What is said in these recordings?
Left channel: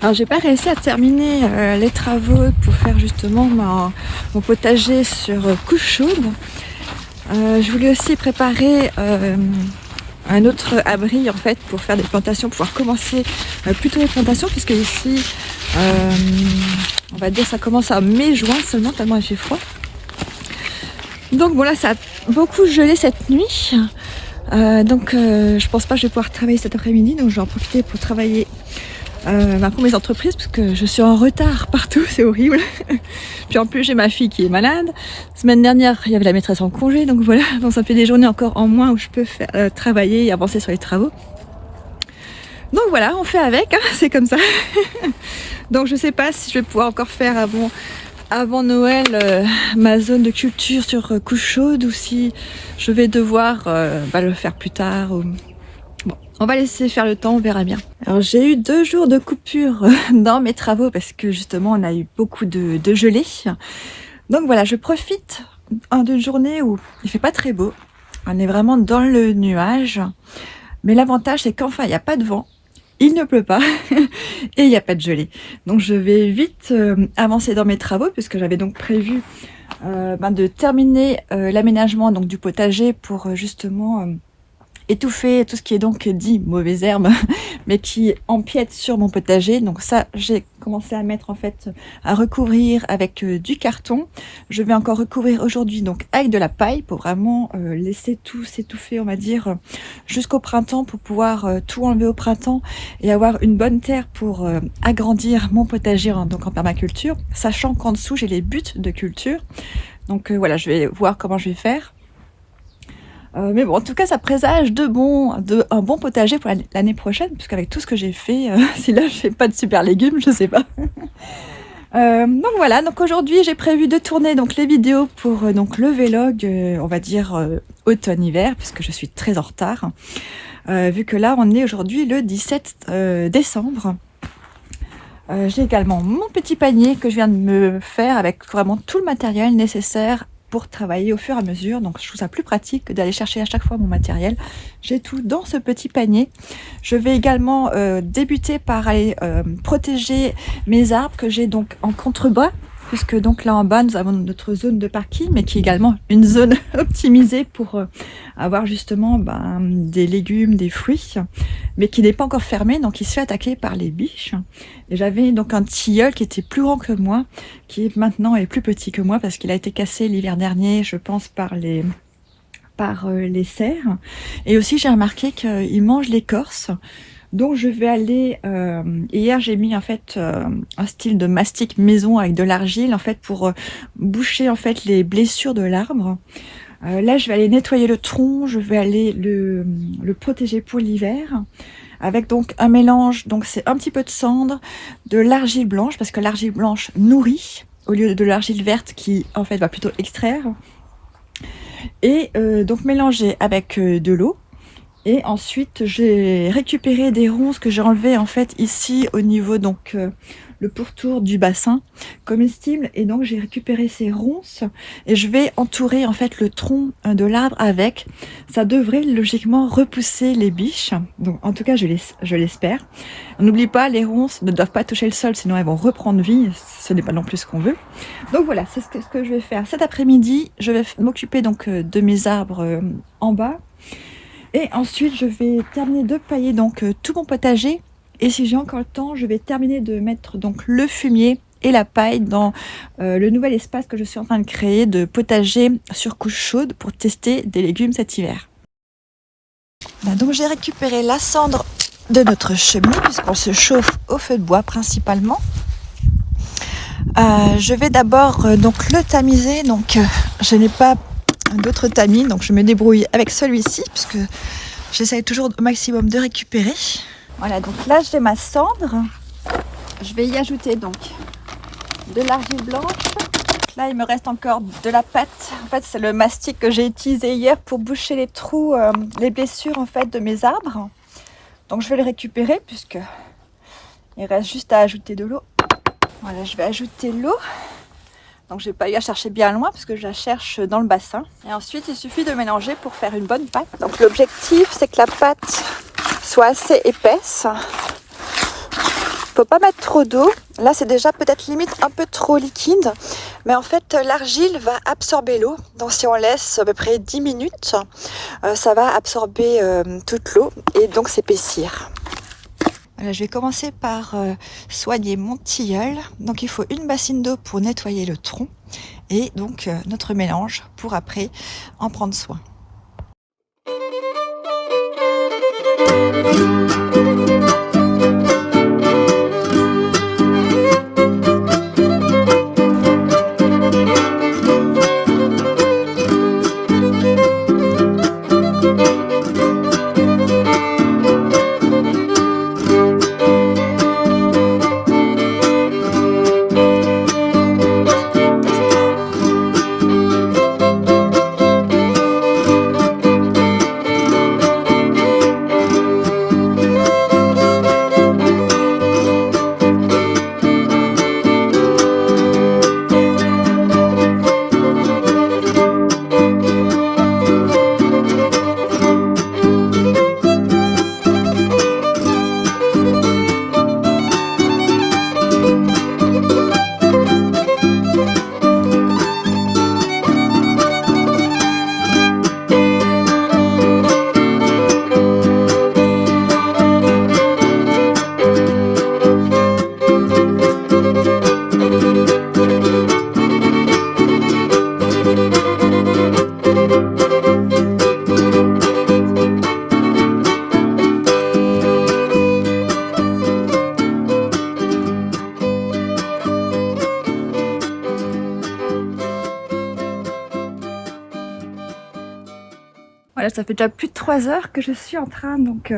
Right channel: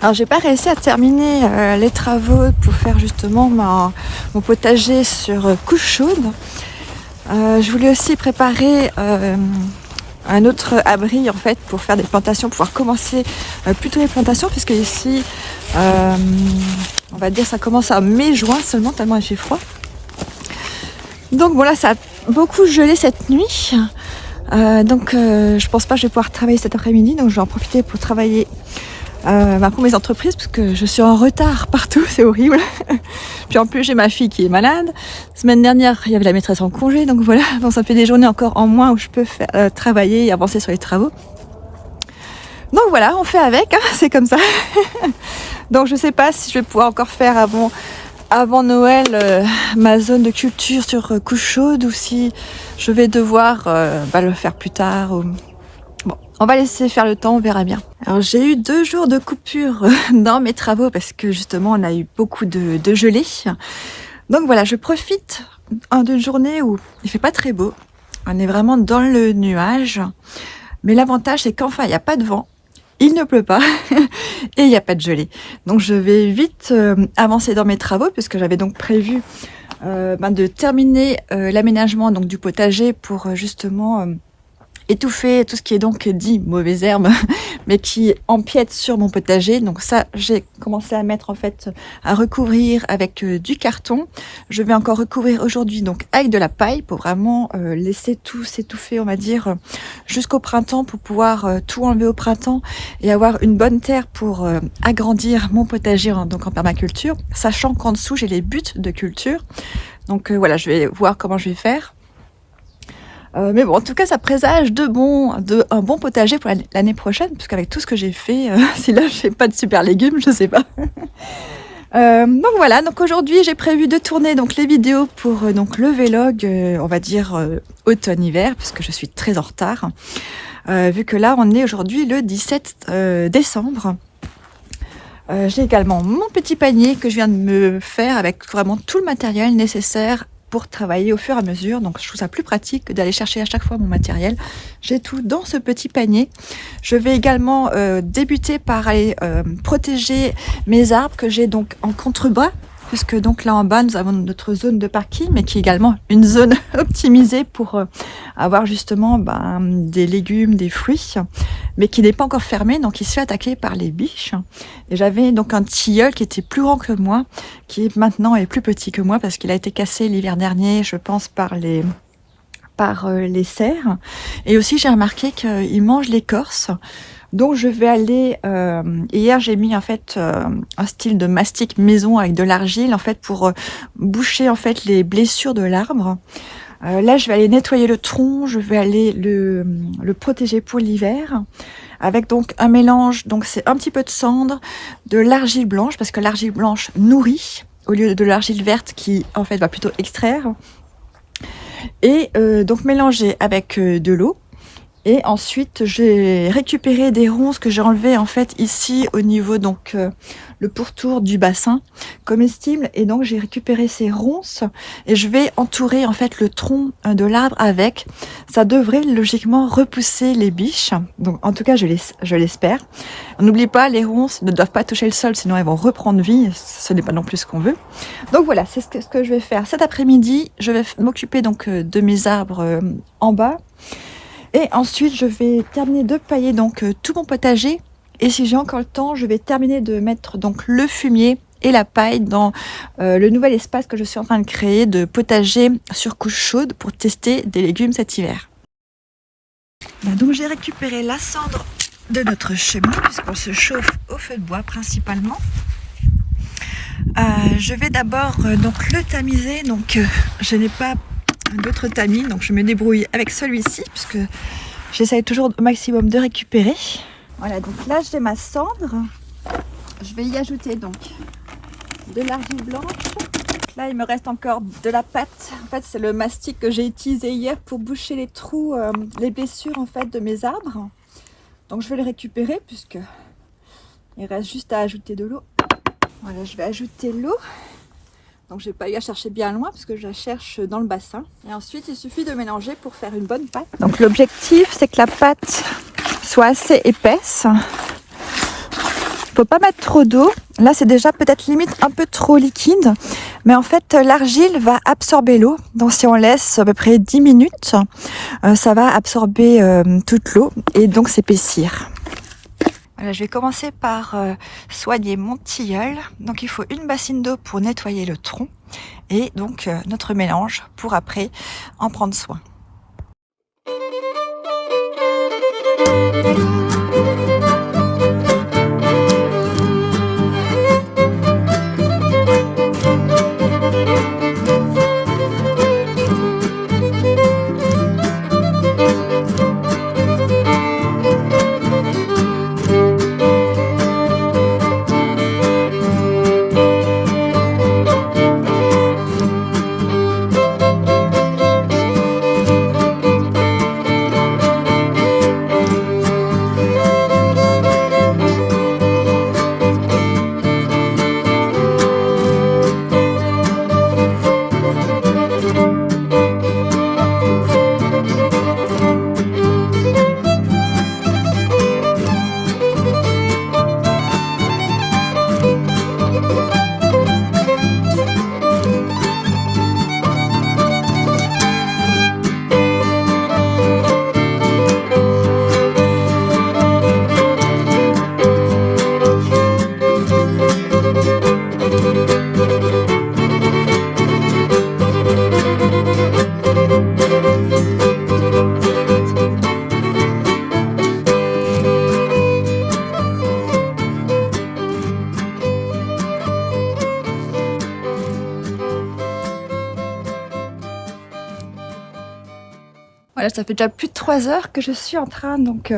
Alors j'ai pas réussi à terminer les travaux pour faire justement mon potager sur couche chaude. Je voulais aussi préparer un autre abri en fait pour faire des plantations, pouvoir commencer plutôt les plantations, puisque ici on va dire ça commence à mai-juin seulement, tellement il fait froid. Donc bon là ça a beaucoup gelé cette nuit, donc je pense pas que je vais pouvoir travailler cet après-midi, donc je vais en profiter pour travailler pour mes entreprises, parce que je suis en retard partout, c'est horrible. Puis en plus j'ai ma fille qui est malade. Semaine dernière il y avait la maîtresse en congé, donc voilà, donc ça fait des journées encore en moins où je peux faire, travailler et avancer sur les travaux. Donc voilà, on fait avec, hein, c'est comme ça. Donc je sais pas si je vais pouvoir encore faire avant Noël ma zone de culture sur couche chaude, ou si je vais devoir le faire plus tard. Bon, on va laisser faire le temps, on verra bien. Alors j'ai eu 2 jours de coupure dans mes travaux parce que justement on a eu beaucoup de gelée. Donc voilà, je profite d'une journée où il fait pas très beau. On est vraiment dans le nuage. Mais l'avantage c'est qu'enfin il n'y a pas de vent, il ne pleut pas et il n'y a pas de gelée. Donc je vais vite avancer dans mes travaux, puisque j'avais donc prévu de terminer l'aménagement donc du potager pour justement étouffer tout ce qui est donc dit mauvaises herbes, mais qui empiètent sur mon potager. Donc ça, j'ai commencé à mettre en fait, à recouvrir avec du carton. Je vais encore recouvrir aujourd'hui donc avec de la paille pour vraiment laisser tout s'étouffer, on va dire, jusqu'au printemps, pour pouvoir tout enlever au printemps et avoir une bonne terre pour agrandir mon potager donc en permaculture, sachant qu'en dessous j'ai les buts de culture. Donc voilà, je vais voir comment je vais faire. Mais bon, en tout cas, ça présage un bon potager pour l'année prochaine, puisqu'avec tout ce que j'ai fait, si là, je n'ai pas de super légumes, je ne sais pas. Donc voilà, donc aujourd'hui, j'ai prévu de tourner donc les vidéos pour donc le vlog, on va dire automne-hiver, puisque je suis très en retard, vu que là, on est aujourd'hui le 17 décembre. J'ai également mon petit panier que je viens de me faire avec vraiment tout le matériel nécessaire pour travailler au fur et à mesure. Donc je trouve ça plus pratique que d'aller chercher à chaque fois mon matériel. J'ai tout dans ce petit panier. Je vais également débuter par aller protéger mes arbres que j'ai donc en contrebas, puisque donc là en bas nous avons notre zone de parking, mais qui est également une zone optimisée pour avoir justement des légumes, des fruits, mais qui n'est pas encore fermé, donc il se fait attaquer par les biches. Et j'avais donc un tilleul qui était plus grand que moi, qui maintenant est plus petit que moi, parce qu'il a été cassé l'hiver dernier, je pense, par les cerfs. Et aussi j'ai remarqué qu'il mange l'écorce. Donc je vais aller, hier j'ai mis en fait un style de mastic maison avec de l'argile en fait pour boucher en fait les blessures de l'arbre. Là je vais aller nettoyer le tronc, je vais aller le protéger pour l'hiver, avec donc un mélange, donc c'est un petit peu de cendre, de l'argile blanche, parce que l'argile blanche nourrit au lieu de l'argile verte qui en fait va plutôt extraire, et donc mélanger avec de l'eau. Et ensuite, j'ai récupéré des ronces que j'ai enlevées en fait ici au niveau donc le pourtour du bassin comestible. Et donc j'ai récupéré ces ronces et je vais entourer en fait le tronc de l'arbre avec. Ça devrait logiquement repousser les biches. Donc en tout cas, je l'espère. On n'oublie pas, les ronces ne doivent pas toucher le sol, sinon elles vont reprendre vie. Ce n'est pas non plus ce qu'on veut. Donc voilà, c'est ce que je vais faire cet après-midi. Je vais m'occuper donc de mes arbres en bas. Et ensuite, je vais terminer de pailler donc tout mon potager. Et si j'ai encore le temps, je vais terminer de mettre donc le fumier et la paille dans le nouvel espace que je suis en train de créer de potager sur couche chaude pour tester des légumes cet hiver. Là, donc j'ai récupéré la cendre de notre cheminée puisqu'on se chauffe au feu de bois principalement. Je vais d'abord donc le tamiser. Donc je n'ai pas d'autres tamis, donc je me débrouille avec celui-ci puisque j'essaye toujours au maximum de récupérer. Voilà, donc là j'ai ma cendre, je vais y ajouter donc de l'argile blanche. Là il me reste encore de la pâte, en fait c'est le mastic que j'ai utilisé hier pour boucher les trous, les blessures en fait de mes arbres. Donc je vais le récupérer puisque il reste juste à ajouter de l'eau. Voilà, je vais ajouter l'eau. Donc j'ai pas eu à chercher bien loin parce que je la cherche dans le bassin. Et ensuite il suffit de mélanger pour faire une bonne pâte. Donc l'objectif c'est que la pâte soit assez épaisse faut pas mettre trop d'eau. Là, c'est déjà peut-être limite un peu trop liquide. Mais en fait, l'argile va absorber l'eau. Donc, si on laisse à peu près 10 minutes, ça va absorber toute l'eau et donc s'épaissir. Voilà, je vais commencer par soigner mon tilleul. Donc, il faut une bassine d'eau pour nettoyer le tronc. Et donc, notre mélange pour après en prendre soin. Voilà, ça fait déjà plus de 3 heures que je suis en train, donc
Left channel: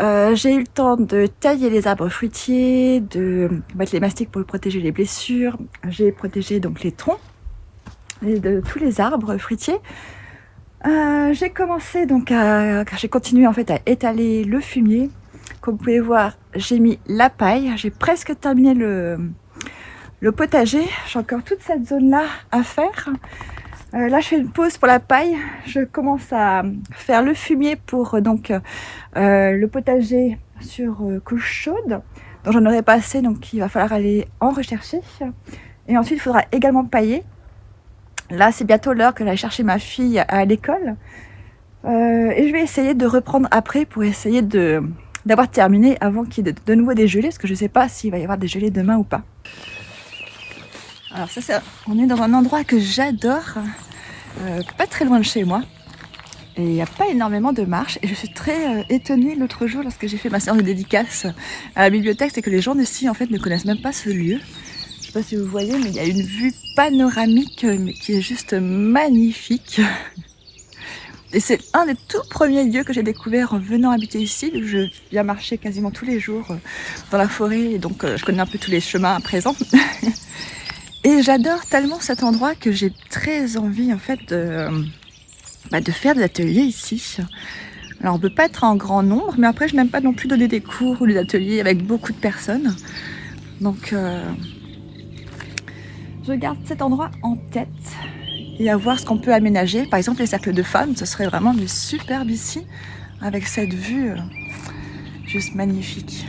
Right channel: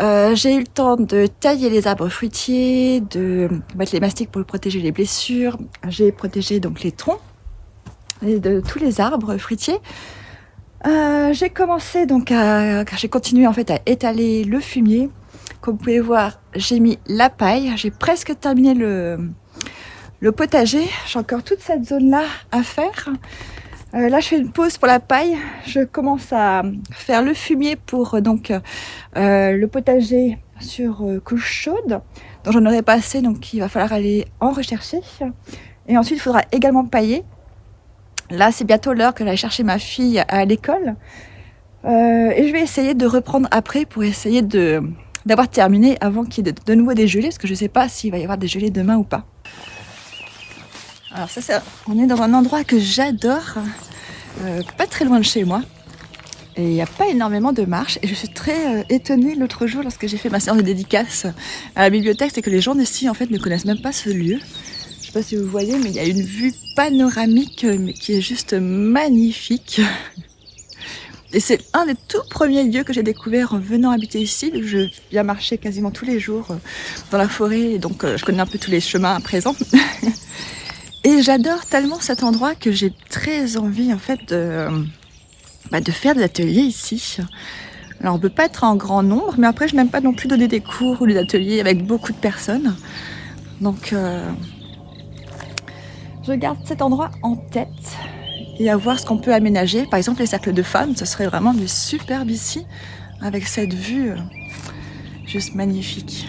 j'ai eu le temps de tailler les arbres fruitiers, de mettre les mastiques pour protéger les blessures. J'ai protégé donc les troncs et de tous les arbres fruitiers. J'ai commencé donc j'ai continué en fait à étaler le fumier. Comme vous pouvez voir, j'ai mis la paille. J'ai presque terminé le potager. J'ai encore toute cette zone-là à faire. Là, je fais une pause pour la paille. Je commence à faire le fumier pour donc le potager sur couche chaude. Donc, j'en aurai pas assez, donc il va falloir aller en rechercher. Et ensuite, il faudra également pailler. Là, c'est bientôt l'heure que j'aille chercher ma fille à l'école. Et je vais essayer de reprendre après pour essayer d'avoir terminé avant qu'il y ait de nouveau des gelées, parce que je ne sais pas s'il va y avoir des gelées demain ou pas. Alors ça, on est dans un endroit que j'adore, pas très loin de chez moi. Et il n'y a pas énormément de marches. Et je suis très étonnée l'autre jour lorsque j'ai fait ma séance de dédicace à la bibliothèque, c'est que les gens d'ici en fait ne connaissent même pas ce lieu. Je ne sais pas si vous voyez, mais il y a une vue panoramique qui est juste magnifique. Et c'est un des tout premiers lieux que j'ai découvert en venant habiter ici. Je viens marcher quasiment tous les jours dans la forêt, et donc je connais un peu tous les chemins à présent. Et j'adore tellement cet endroit que j'ai très envie en fait de faire des ateliers ici. Alors on peut pas être en grand nombre, mais après je n'aime pas non plus donner des cours ou des ateliers avec beaucoup de personnes. Donc je garde cet endroit en tête et à voir ce qu'on peut aménager. Par exemple les cercles de femmes, ce serait vraiment du superbe ici, avec cette vue juste magnifique.